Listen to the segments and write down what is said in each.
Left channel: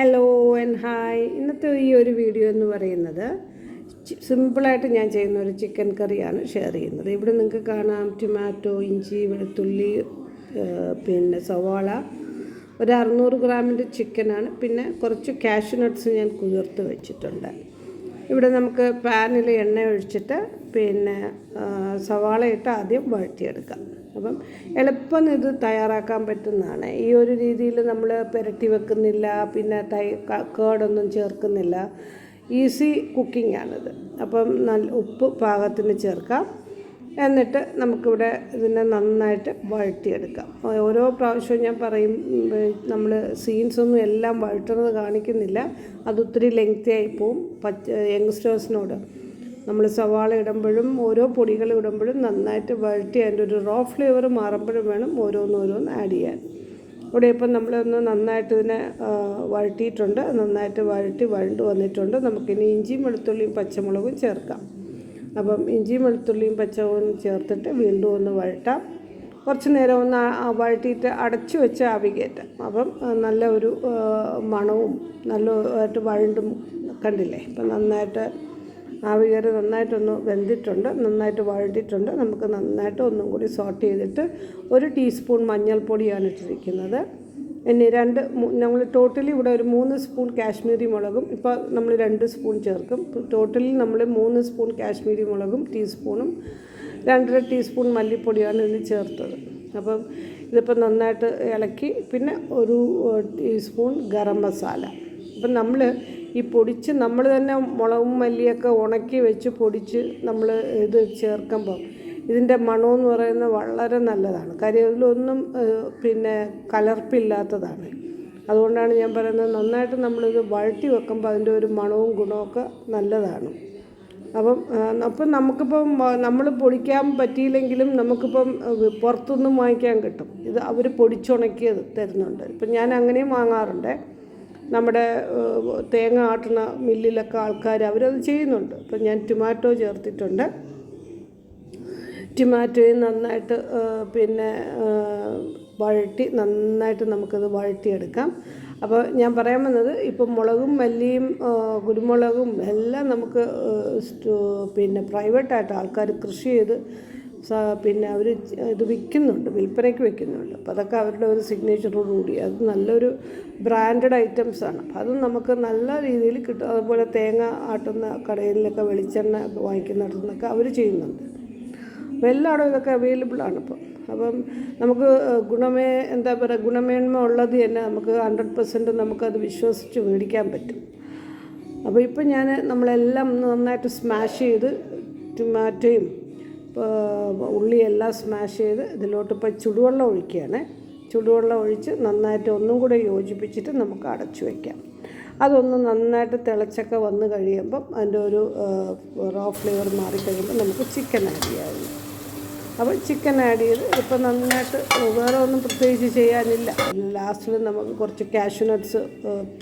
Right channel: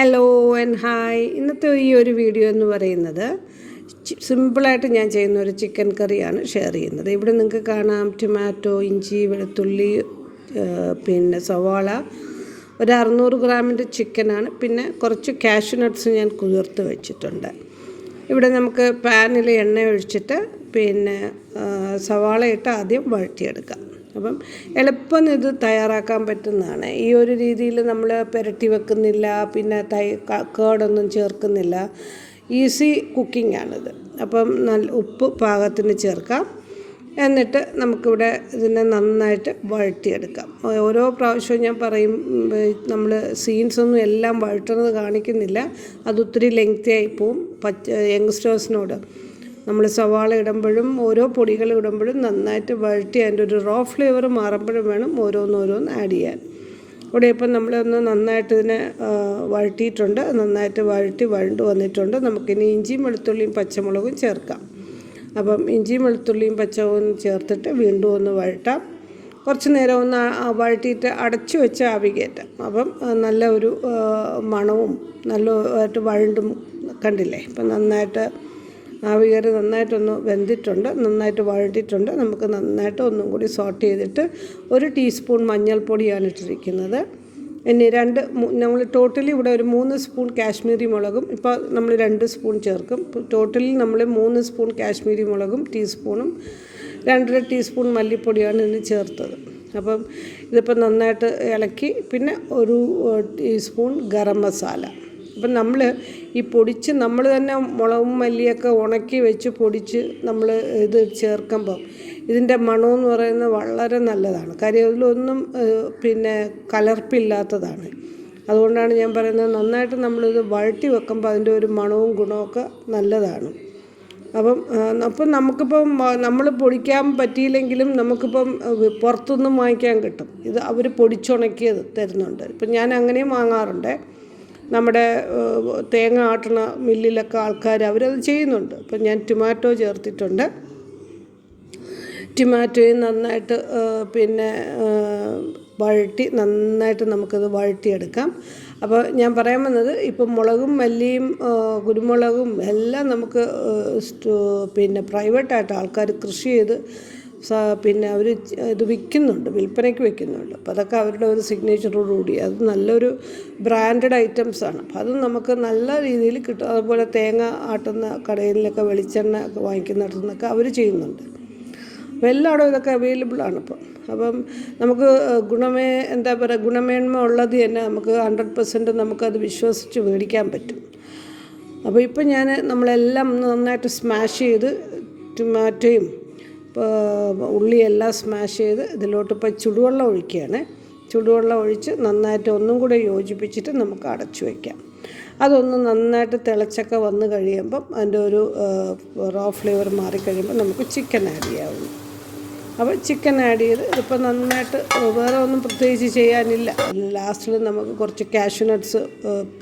Hello and hi. ഇന്നത്തെ ഈ ഒരു വീഡിയോ എന്ന് പറയുന്നത് സിമ്പിളായിട്ട് ഞാൻ ചെയ്യുന്ന ഒരു ചിക്കൻ കറിയാണ് ഷെയർ ചെയ്യുന്നത്. ഇവിടെ നിങ്ങൾക്ക് കാണാം ടൊമാറ്റോ, ഇഞ്ചി, വെളുത്തുള്ളി, പിന്നെ സവാള, ഒരു 600 ഗ്രാമിൻ്റെ ചിക്കനാണ്. പിന്നെ കുറച്ച് കാഷ്യൂ നട്ട്സ് ഞാൻ കുതിർത്ത് വെച്ചിട്ടുണ്ട്. ഇവിടെ നമുക്ക് പാനിൽ എണ്ണ ഒഴിച്ചിട്ട് പിന്നെ സവാള ഇട്ട് ആദ്യം വഴറ്റിയെടുക്കാം. അപ്പം എളുപ്പം ഇത് തയ്യാറാക്കാൻ പറ്റുന്നതാണ്. ഈ ഒരു രീതിയിൽ നമ്മൾ പുരട്ടി വെക്കുന്നില്ല, പിന്നെ കേടൊന്നും ചേർക്കുന്നില്ല. ഈസി കുക്കിംഗ് ആണിത്. അപ്പം നല്ല ഉപ്പ് പാകത്തിന് ചേർക്കാം. എന്നിട്ട് നമുക്കിവിടെ ഇതിനെ നന്നായിട്ട് വഴറ്റിയെടുക്കാം. ഓരോ പ്രാവശ്യവും ഞാൻ പറയും, നമ്മൾ സീൻസൊന്നും എല്ലാം വഴറ്റുന്നത് കാണിക്കുന്നില്ല, അതൊത്തിരി ലെങ്തി ആയി പോവും. യങ്സ്റ്റേഴ്സിനോട് നമ്മൾ സവാള ഇടുമ്പോഴും ഓരോ പൊടികൾ ഇടുമ്പോഴും നന്നായിട്ട് വഴറ്റി അതിൻ്റെ ഒരു റോ ഫ്ലേവർ മാറുമ്പോഴും വേണം ഓരോന്നോരോന്ന് ആഡ് ചെയ്യാൻ. ഇവിടെ ഇപ്പം നമ്മളൊന്ന് നന്നായിട്ട് ഇതിനെ വഴറ്റിയിട്ടുണ്ട്. നന്നായിട്ട് വഴണ്ട് വന്നിട്ടുണ്ട്. നമുക്കിനി ഇഞ്ചിയും വെളുത്തുള്ളിയും പച്ചമുളകും ചേർക്കാം. അപ്പം ഇഞ്ചിയും വെളുത്തുള്ളിയും പച്ചമുളകും ചേർത്തിട്ട് വീണ്ടും ഒന്ന് വഴറ്റാം. കുറച്ച് നേരം ഒന്ന് വഴറ്റിയിട്ട് അടച്ചു വെച്ച് ആവി കയറ്റാം. അപ്പം നല്ല ഒരു മണവും നല്ലതായിട്ട് വഴണ്ടും കണ്ടില്ലേ. ഇപ്പം നന്നായിട്ട് ആവി കയറി നന്നായിട്ടൊന്ന് വെന്തിട്ടുണ്ട്, നന്നായിട്ട് വഴറ്റിയിട്ടുണ്ട്. നമുക്ക് നന്നായിട്ട് ഒന്നും കൂടി സോട്ട് ചെയ്തിട്ട് 1 ടീസ്പൂൺ മഞ്ഞൾപ്പൊടിയാണ് ഇട്ടിരിക്കുന്നത്. ഇനി നമ്മൾ ടോട്ടലി ഇവിടെ ഒരു 3 സ്പൂൺ കാശ്മീരി മുളകും, ഇപ്പോൾ നമ്മൾ 2 സ്പൂൺ ചേർക്കും. ടോട്ടലി നമ്മൾ 3 സ്പൂൺ കാശ്മീരി മുളകും ടീസ്പൂണും 2.5 ടീസ്പൂൺ മല്ലിപ്പൊടിയാണ് ഇതിന് ചേർത്തത്. അപ്പം ഇതിപ്പോൾ നന്നായിട്ട് ഇളക്കി. പിന്നെ 1 ടീസ്പൂൺ ഗരം മസാല. അപ്പം നമ്മൾ ഈ പൊടിച്ച് നമ്മൾ തന്നെ മുളകും മല്ലിയൊക്കെ ഉണക്കി വെച്ച് പൊടിച്ച് നമ്മൾ ഇത് ചേർക്കുമ്പം ഇതിൻ്റെ മണമെന്ന് പറയുന്നത് വളരെ നല്ലതാണ്. കാര്യം അതിലൊന്നും പിന്നെ കലർപ്പില്ലാത്തതാണ്. അതുകൊണ്ടാണ് ഞാൻ പറയുന്നത്, നന്നായിട്ട് നമ്മളിത് വഴറ്റി വെക്കുമ്പോൾ അതിൻ്റെ ഒരു മണവും ഗുണമൊക്കെ നല്ലതാണ്. അപ്പം നമുക്കിപ്പം നമ്മൾ പൊടിക്കാൻ പറ്റിയില്ലെങ്കിലും നമുക്കിപ്പം പുറത്തുനിന്നും വാങ്ങിക്കാൻ കിട്ടും. ഇത് അവർ പൊടിച്ചുണക്കിയത് തരുന്നുണ്ട്. ഇപ്പം ഞാൻ അങ്ങനെയും വാങ്ങാറുണ്ട്. നമ്മുടെ തേങ്ങ ആട്ടുന്ന മില്ലിലൊക്കെ ആൾക്കാർ അവരത് ചെയ്യുന്നുണ്ട്. അപ്പം ഞാൻ ടൊമാറ്റോ ചേർത്തിട്ടുണ്ട്. ടൊമാറ്റോയും നന്നായിട്ട് പിന്നെ വഴറ്റി നന്നായിട്ട് നമുക്കത് വഴറ്റിയെടുക്കാം. അപ്പോൾ ഞാൻ പറയാൻ വന്നത്, ഇപ്പം മുളകും മല്ലിയും കുരുമുളകും എല്ലാം നമുക്ക് പിന്നെ പ്രൈവറ്റായിട്ട് ആൾക്കാർ കൃഷി ചെയ്ത് പിന്നെ അവർ ഇത് വിൽക്കുന്നുണ്ട്, വിൽപ്പനയ്ക്ക് വെക്കുന്നുണ്ട്. അപ്പോൾ അതൊക്കെ അവരുടെ ഒരു സിഗ്നേച്ചറോടുകൂടി അത് നല്ലൊരു ബ്രാൻഡഡ് ഐറ്റംസാണ്. അപ്പോൾ അത് നമുക്ക് നല്ല രീതിയിൽ കിട്ടും. അതുപോലെ തേങ്ങ ആട്ടുന്ന കടയിലൊക്കെ വെളിച്ചെണ്ണ വാങ്ങിക്കുന്നിടത്തുനിന്നൊക്കെ അവർ ചെയ്യുന്നുണ്ട്. അപ്പോൾ എല്ലായിടും ഇതൊക്കെ അവൈലബിളാണ് ഇപ്പം. അപ്പം നമുക്ക് ഗുണമേന്മ ഉള്ളത് തന്നെ നമുക്ക് 100% നമുക്കത് വിശ്വസിച്ച് മേടിക്കാൻ പറ്റും. അപ്പോൾ ഇപ്പം നമ്മളെല്ലാം നന്നായിട്ട് സ്മാഷ് ചെയ്ത് ടൊമാറ്റോയും ഉള്ളിയെല്ലാം സ്മാഷ് ചെയ്ത് ഇതിലോട്ടിപ്പോൾ ചുടുവെള്ളം ഒഴിക്കുകയാണ്. ചുടുവെള്ളം ഒഴിച്ച് നന്നായിട്ട് ഒന്നും കൂടെ യോജിപ്പിച്ചിട്ട് നമുക്ക് അടച്ചു വയ്ക്കാം. അതൊന്ന് നന്നായിട്ട് തിളച്ചൊക്കെ വന്ന് കഴിയുമ്പം അതിൻ്റെ ഒരു റോ ഫ്ലേവർ മാറിക്കഴിയുമ്പോൾ നമുക്ക് ചിക്കൻ ആഡ് ചെയ്യാവുന്നു. അപ്പോൾ ചിക്കൻ ആഡ് ചെയ്ത് ഇപ്പം നന്നായിട്ട് വേറെ ഒന്നും പ്രത്യേകിച്ച് ചെയ്യാനില്ല. ലാസ്റ്റിൽ നമുക്ക് കുറച്ച് കാഷ്യൂ നട്ട്സ്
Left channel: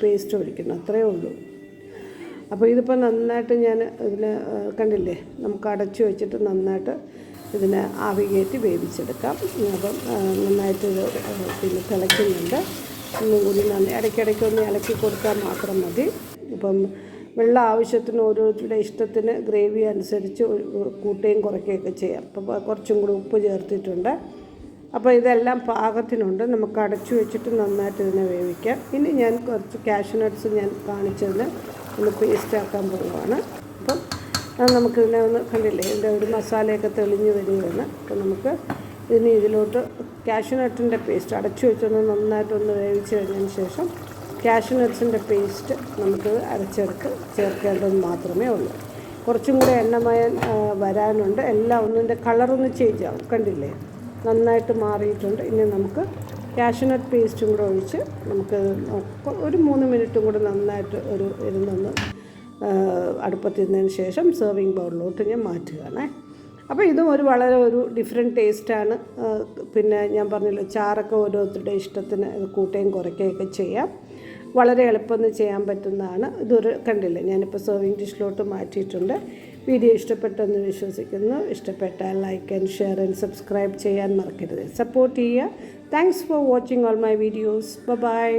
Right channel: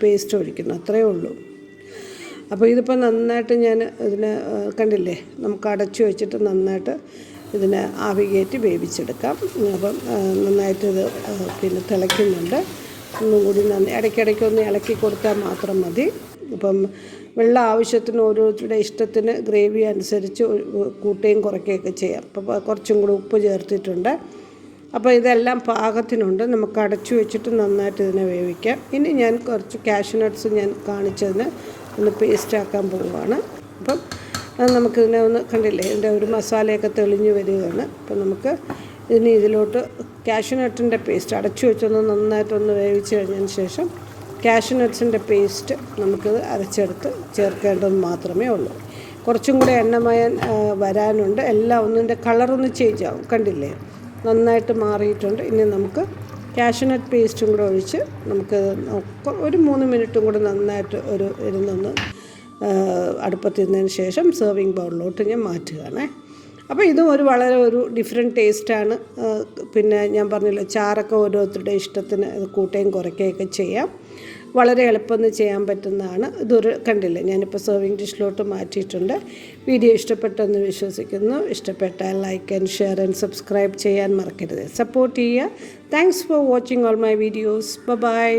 പേസ്റ്റ് ഒഴിക്കുന്നു, അത്രയേ ഉള്ളൂ. അപ്പോൾ ഇതിപ്പോൾ നന്നായിട്ട് ഞാൻ ഇതിനെ കണ്ടില്ലേ, നമുക്ക് അടച്ചു വെച്ചിട്ട് നന്നായിട്ട് ഇതിനെ ആവി കയറ്റി വേവിച്ചെടുക്കാം. അപ്പം നന്നായിട്ട് ഇത് പിന്നെ തിളയ്ക്കുന്നുണ്ട്. ഒന്നും കൂടി ഇടയ്ക്കിടയ്ക്കൊന്ന് ഇളക്കി കൊടുത്താൽ മാത്രം മതി. അപ്പം വെള്ളം ആവശ്യത്തിന് ഓരോരുത്തരുടെ ഇഷ്ടത്തിന് ഗ്രേവി അനുസരിച്ച് കൂട്ടുകയും കുറയ്ക്കുകയൊക്കെ ചെയ്യാം. അപ്പോൾ കുറച്ചും കൂടി ഉപ്പ് ചേർത്തിട്ടുണ്ട്. അപ്പോൾ ഇതെല്ലാം പാകത്തിനുണ്ട്. നമുക്ക് അടച്ചു വെച്ചിട്ട് നന്നായിട്ട് ഇതിനെ വേവിക്കാം. ഇനി ഞാൻ കുറച്ച് കാഷ്യൂ നട്ട്സ് ഞാൻ കാണിച്ചതിന് ഒന്ന് പേസ്റ്റാക്കാൻ പോവുകയാണ്. അപ്പം നമുക്കിതിനെ ഒന്ന് കണ്ടില്ലേ, ഇതിൻ്റെ ഒരു മസാലയൊക്കെ തെളിഞ്ഞ് വരികയാണ്. അപ്പം നമുക്ക് ഇതിലോട്ട് കാഷ്യൂ നട്ടിൻ്റെ പേസ്റ്റ് അടച്ചു വെച്ചൊന്ന് നന്നായിട്ടൊന്ന് വേവിച്ച് കഴിഞ്ഞതിന് ശേഷം കാഷ്യൂ നട്ട്സിൻ്റെ പേസ്റ്റ് നമുക്കിത് അരച്ചെടുത്ത് ചേർക്കേണ്ടത് മാത്രമേ ഉള്ളൂ. കുറച്ചും കൂടെ എണ്ണമയം വരാനുണ്ട്. എല്ലാം ഒന്നിൻ്റെ കളറൊന്ന് ചേഞ്ച് ആവും, കണ്ടില്ലേ, നന്നായിട്ട് മാറിയിട്ടുണ്ട്. ഇനി നമുക്ക് കാഷ്യൂ നട്ട് പേസ്റ്റും കൂടെ ഒഴിച്ച് നമുക്ക് ഒരു 3 മിനിറ്റും കൂടെ നന്നായിട്ട് ഇരുന്നൊന്ന് അടുപ്പത്തിരുന്നതിന് ശേഷം സെർവിങ് ബൗളിലോട്ട് ഞാൻ മാറ്റുകയാണ്. അപ്പോൾ ഇതും വളരെ ഡിഫറെൻറ്റ് ടേസ്റ്റാണ്. പിന്നെ ഞാൻ പറഞ്ഞല്ലോ, ചാറൊക്കെ ഓരോരുത്തരുടെ ഇഷ്ടത്തിന് കൂട്ടുകയും കുറയ്ക്കുകയൊക്കെ ചെയ്യാം. വളരെ എളുപ്പമെന്ന് ചെയ്യാൻ പറ്റുന്നതാണ്. കണ്ടില്ലേ, ഞാനിപ്പോൾ സെർവിങ് ഡിഷിലോട്ട് മാറ്റിയിട്ടുണ്ട്. വീഡിയോ ഇഷ്ടപ്പെട്ടെന്ന് വിശ്വസിക്കുന്നു. ഇഷ്ടപ്പെട്ടാൽ like and share and subscribe ചെയ്യാൻ മറക്കരുത്. സപ്പോർട്ട് ചെയ്യുക. Thanks for watching all my videos. By.